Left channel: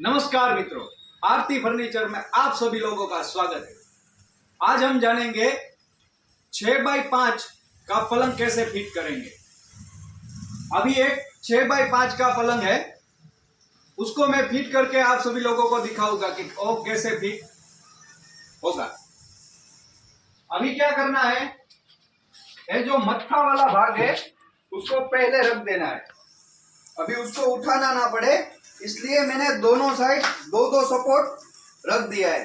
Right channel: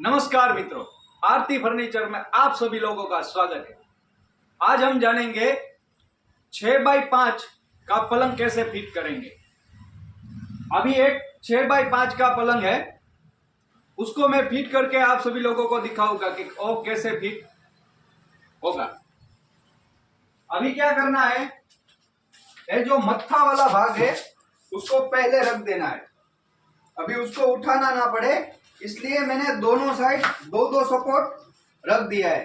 नमस्कार मित्रों, आरती फर्नीचर में आप सभी लोगों का स्वागत है। आज हम जानेंगे 6x5 का पलंग कैसे फिट करेंगे। अभी एक 6x5 का पलंग है, उसको मैं फिट करके आप सभी लोगों को दिखाऊंगा कि वो कैसे फिट होगा। अभी क्या करना है, ये जो मत्था वाला भाग है उसको पहले रख देना है। अभी उसको उठाना ना पड़े इसलिए मैंने दोनों साइड दो सपोर्ट रख दिया है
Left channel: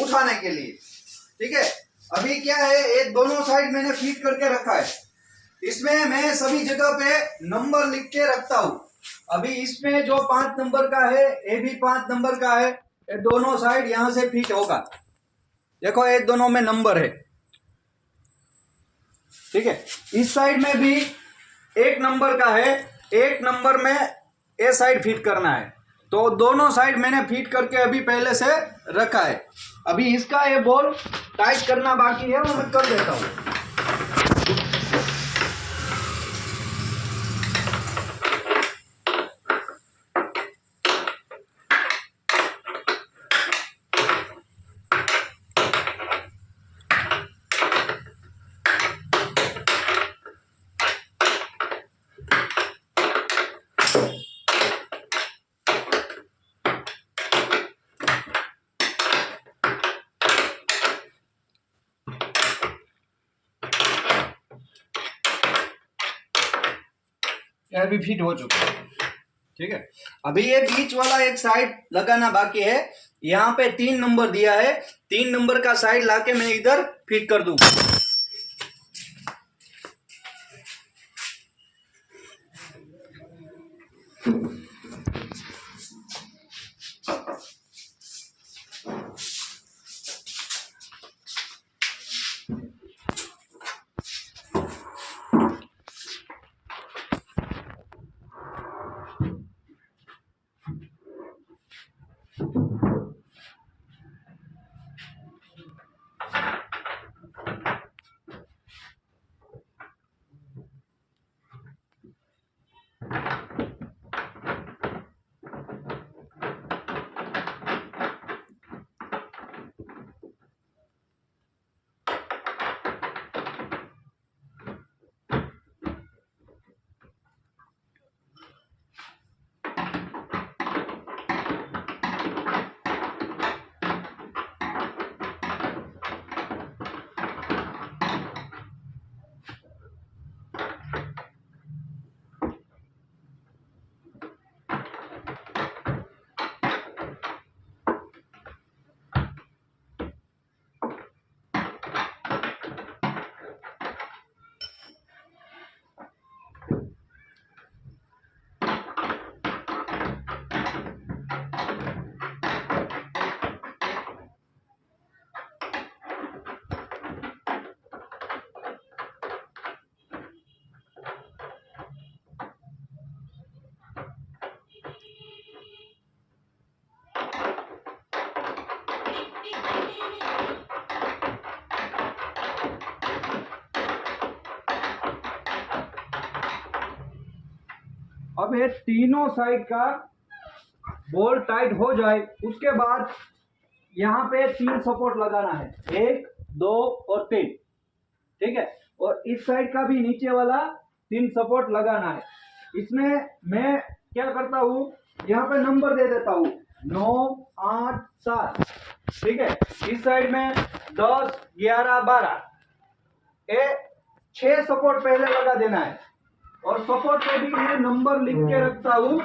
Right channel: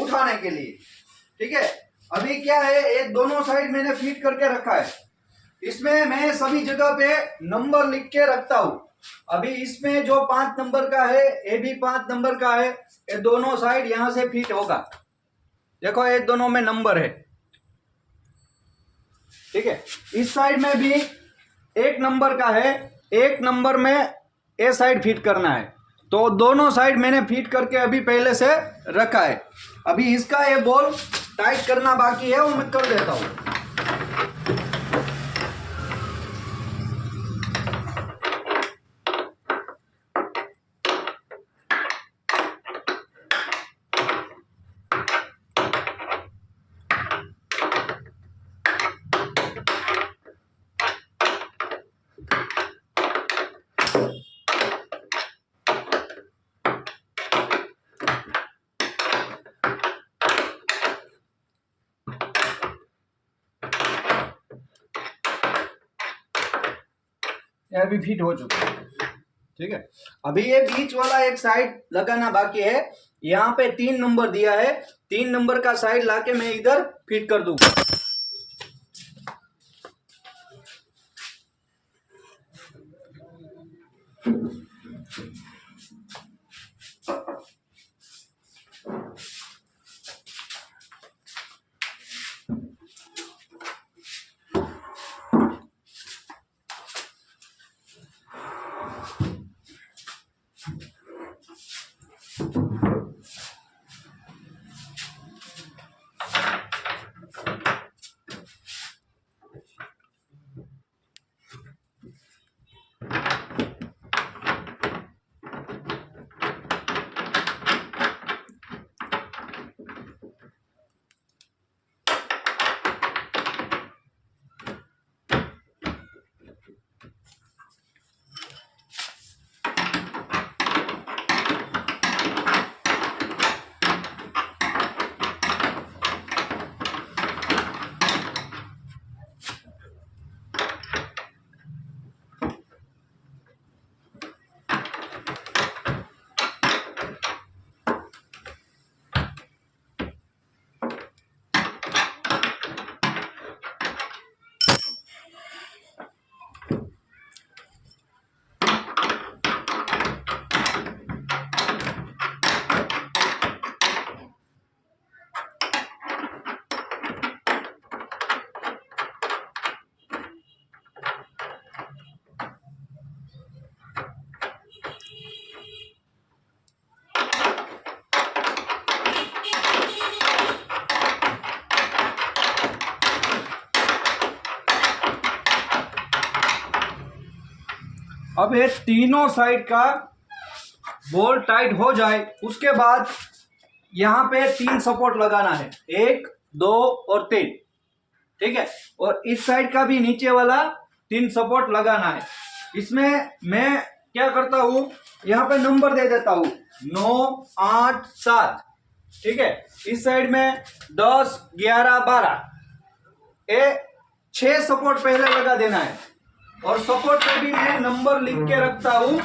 उठाने के लिए। ठीक है, अभी क्या है, ये दोनों साइड मैंने फिट करके रखा है। इसमें मैं सभी जगह पे नंबर लिख के रखता हूं। अभी इसमें जो 5 नंबर का है ये भी 5 नंबर का है, ये दोनों साइड यहां से फिट होगा। देखो ये दोनों में नंबर है। ठीक है, इस साइड में भी 1 नंबर का है, 1 नंबर में ए साइड फिट करना है। तो दोनों साइड मैंने फिट करके अभी पहले से रखा है। अभी इसका ये बॉल टाइट करना बाकी है, वो मैं कर देता हूँ। यह भी फिट हो चुका है। ठीक है, अभी ये बीच वाला एक साइड लगाना बाकी है। यहाँ पे 3 नंबर दिया है, 3 नंबर का साइड लाके मैं इधर फिट कर दूंगा। अब ये तीनों साइड का बोल्ट टाइट हो जाए उसके बाद यहाँ पे 3 सपोर्ट लगाना है, 1, 2 और 3। ठीक है, और इस साइड का भी नीचे वाला 3 सपोर्ट लगाना है। इसमें मैं क्या करता हूँ, यहाँ पे नंबर दे देता हूँ 9, 8, 7। ठीक है, इस साइड में 10, 11, 12, ये 6 सपोर्ट पहले लगा देना है। और सपोर्ट पे भी मैं नंबर लिख के रखता हूं।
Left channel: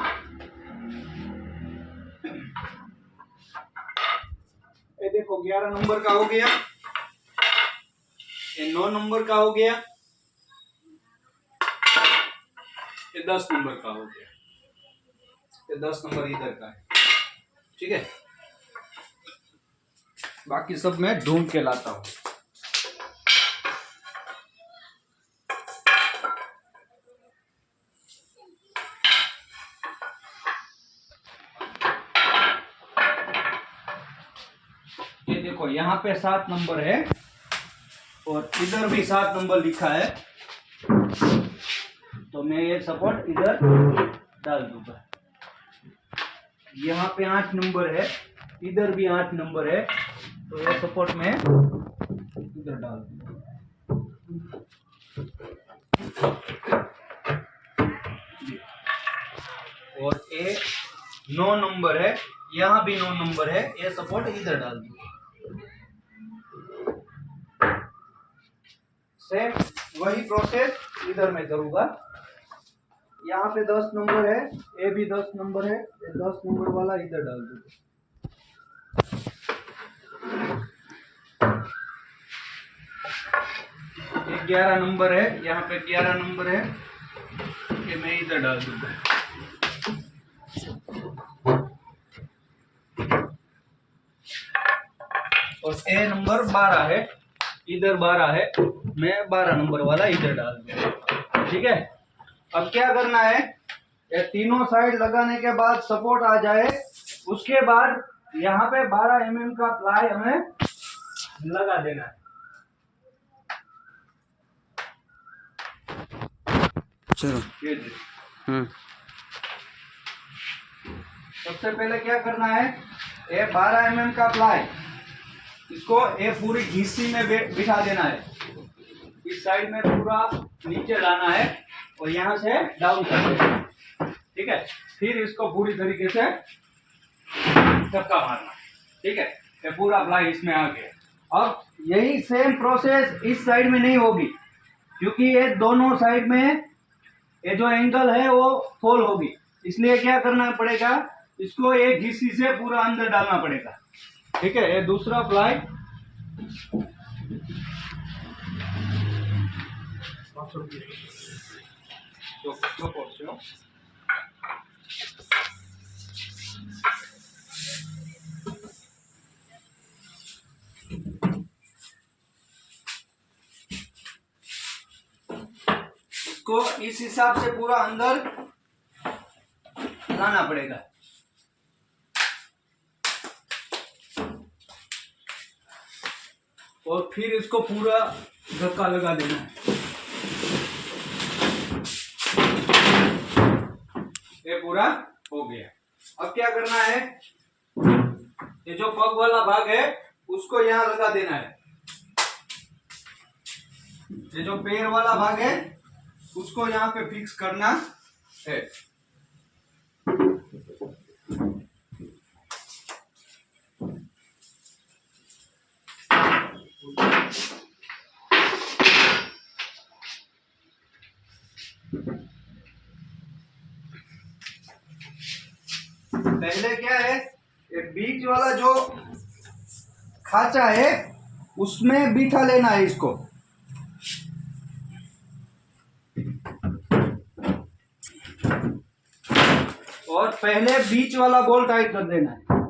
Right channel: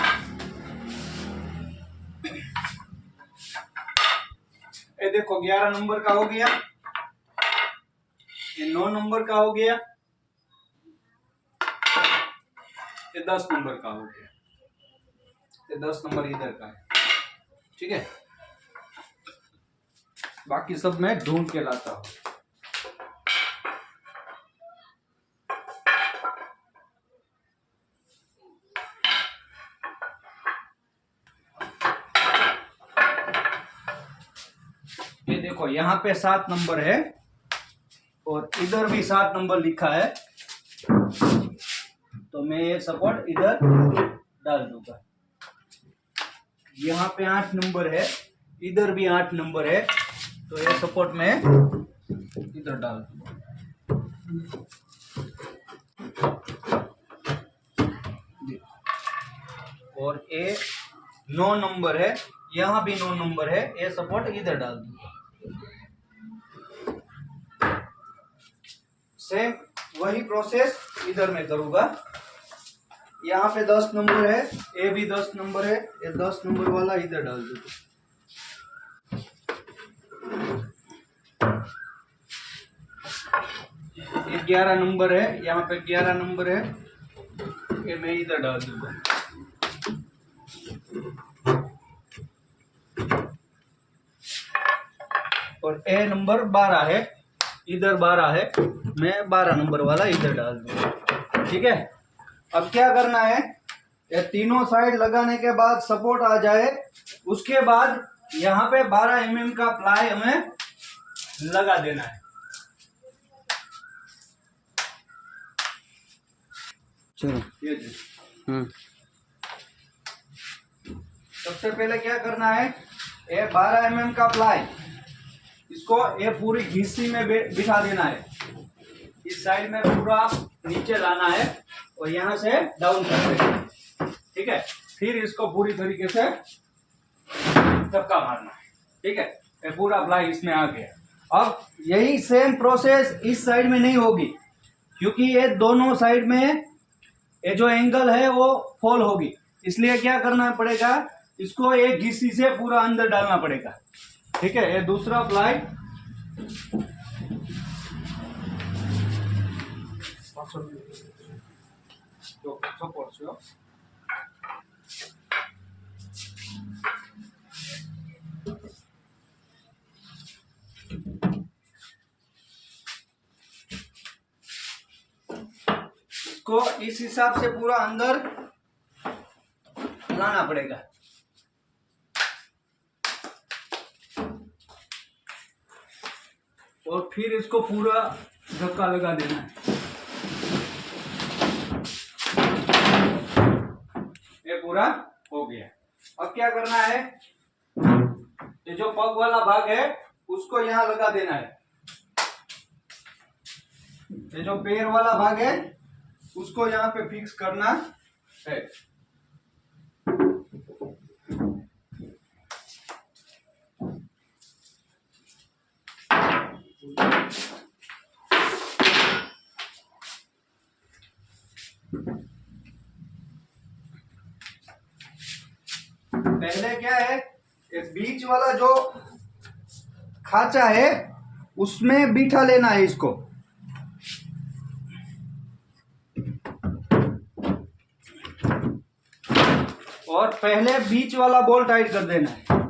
ये देखो 11 नंबर का हो गया, ये 9 नंबर का हो गया, ये 10 नंबर का हो गया, ये 10 नंबर इधर का है। ठीक है, बाकी सब मैं ढूंढ के लाता हूं। ये देखो यहाँ पे 7 नंबर है और इधर भी 7 नंबर लिखा है, तो मैं ये सपोर्ट इधर डाल दूंगा। यहाँ पे 8 नंबर है, इधर भी 8 नंबर है, तो ये सपोर्ट में इधर डाल दूंगा। और ये 9 नंबर है, यहाँ भी 9 नंबर है, ये सपोर्ट इधर डाल दूंगा। सेम वही प्रोसेस इधर में करूंगा। यहाँ पे 10 नंबर है, ये भी 10 नंबर है, ये 10 नंबर वाला इधर डाल दूंगा। ये 11 नंबर है, यहाँ पे 11 नंबर है, ये मैं इधर डाल दूंगा। और ए नंबर 12 है, इधर 12 है, मैं 12 नंबर वाला इधर डाल दूंगा। ठीक है, अब क्या करना है, ये तीनों साइड लगाने के बाद सपोर्ट आ जाए, उसके बाद यहाँ पे 12 mm का प्लाई हमें लगा देना है। चलो। सबसे पहले क्या करना है, ये 12 mm का प्लाई, इसको ये पूरी घिस्सी में बिठा देना है। इस साइड में पूरा नीचे लाना है और यहाँ से डाउन कर देना है। ठीक है, फिर इसको पूरी तरीके से धक्का मारना है। ठीक है, ये पूरा प्लाई इसमें आ गया। अब यही सेम प्रोसेस इस साइड में नहीं होगी, क्योंकि ये दोनों साइड में ये जो एंगल है वो फॉल होगी, इसलिए क्या करना पड़ेगा, इसको एक घिस्सी से पूरा अंदर डालना पड़ेगा। ठीक है, ये दूसरा प्लाई इसको इस हिसाब से पूरा अंदर लाना पड़ेगा। और फिर इसको पूरा धक्का लगा देना है। ये पूरा हो गया। अब क्या करना है, ये जो पग वाला भाग है उसको यहाँ लगा देना है। ये जो पैर वाला भाग है उसको यहाँ पे फिक्स करना है। पहले क्या है, ये बीच वाला जो खांचा है उसमें बिठा लेना है इसको। और पहले बीच वाला बोल्ट टाइट कर देना है।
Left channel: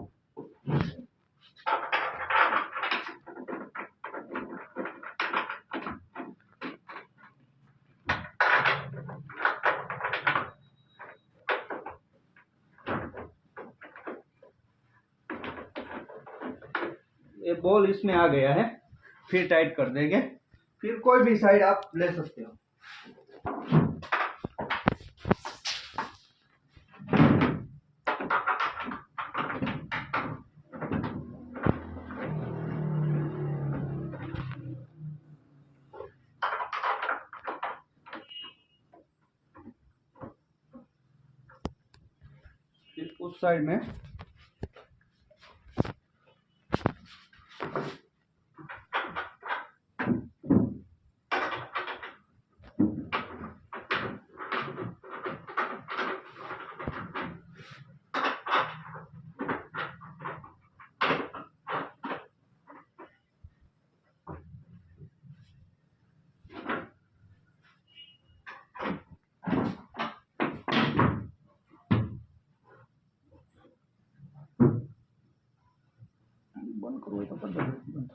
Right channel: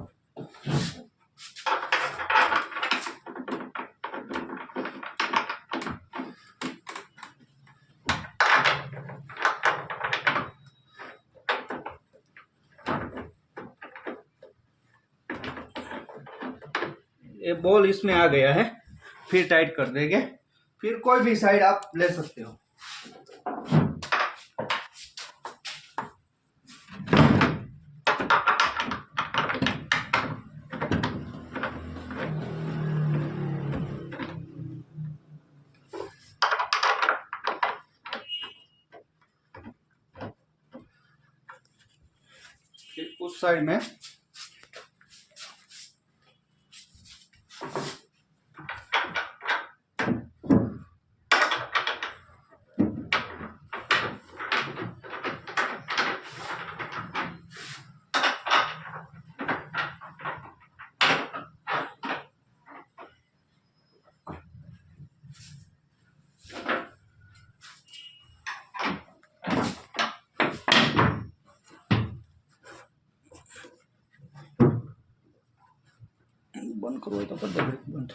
ये बॉल इसमें आ गया है, फिर टाइट कर देंगे। फिर कोई भी साइड आप ले सकते हो। फिर उस साइड में बंद करो, तो कर दो बंद।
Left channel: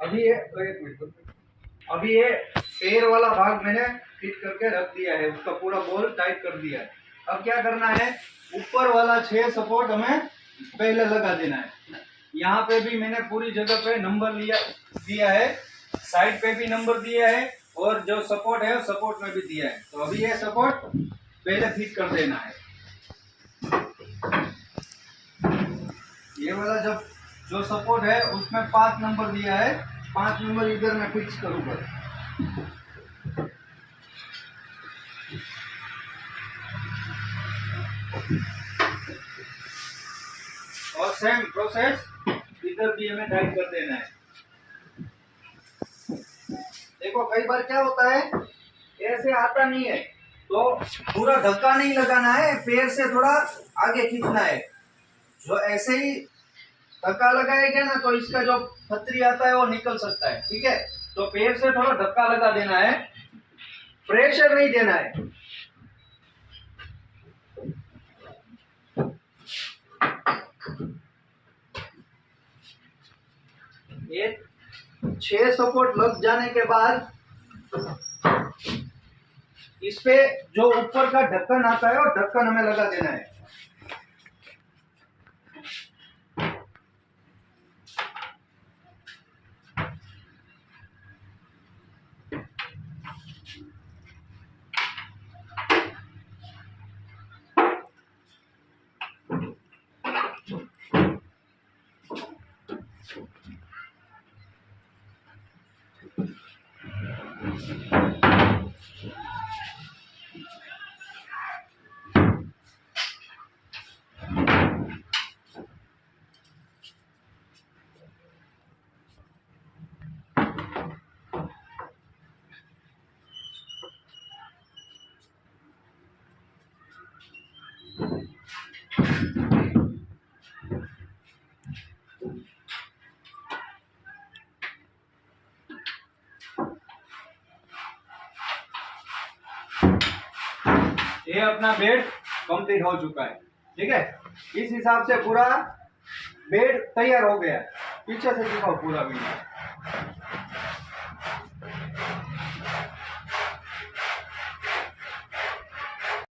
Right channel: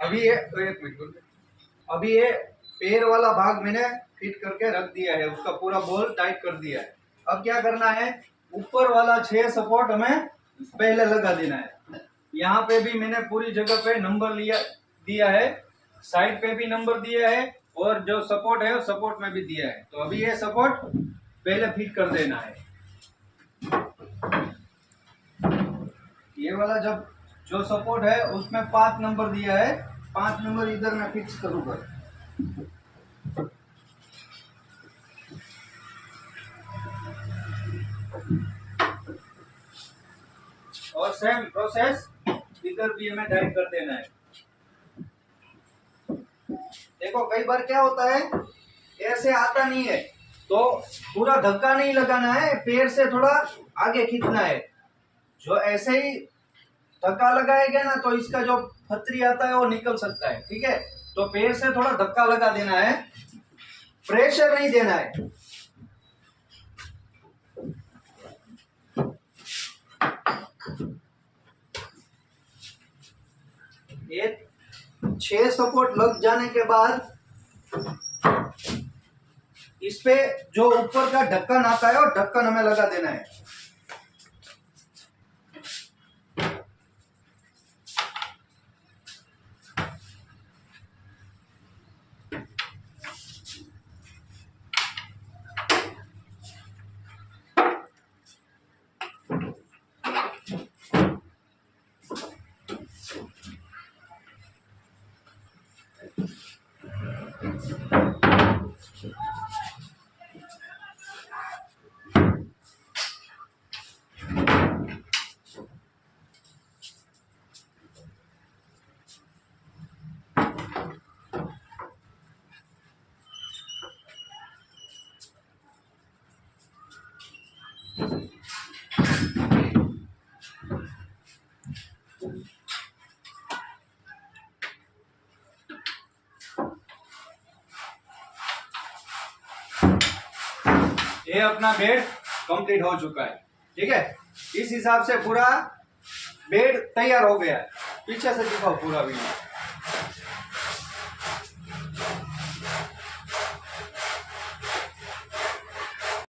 अभी ये एक मिनट, अभी ये पैर वाला भाग मैंने फिट करके रख दिया है, उसका पूरा बॉल टाइट कर दिया है। अब क्या करना है, ऊपर वाला 6 सपोर्ट हमें पहले लगा देना है। यहाँ पे भी मैंने पूरी जगह पे नंबर दिया है, साइड पे भी नंबर दिया है, और जो सपोर्ट है वो सपोर्ट में भी दिया है। तो अभी ये सपोर्ट पहले फिट कर देना है। वाला जब जो सपोर्ट है उसमें 5 नंबर दिया है, 5 नंबर इधर मैं फिक्स करूँगा। और सेम प्रोसेस इधर भी हमें टाइट कर देना है। देखो कई बार क्या होता है, ऐसे आता नहीं है तो पूरा धक्का नहीं लगाना है, पैर से थोड़ा आगे खींचना है। जो ऐसे ही धक्का लगाएगा ना तो इसका जो फतरी आता है वो निकल सकता है। ठीक है, तो पैर से थोड़ा धक्का लगा देना है, प्रेशर नहीं देना है। ये 6 सपोर्ट लग जाने के बाद इस पे जो ऊपर का ढक्कन आता है वो ढक्कन हमें लगा देना है। ये अपना बेड कंप्लीट हो चुका है। ठीक है, इस हिसाब से पूरा बेड तैयार हो गया है। पीछे से दिखाओ पूरा वीडियो।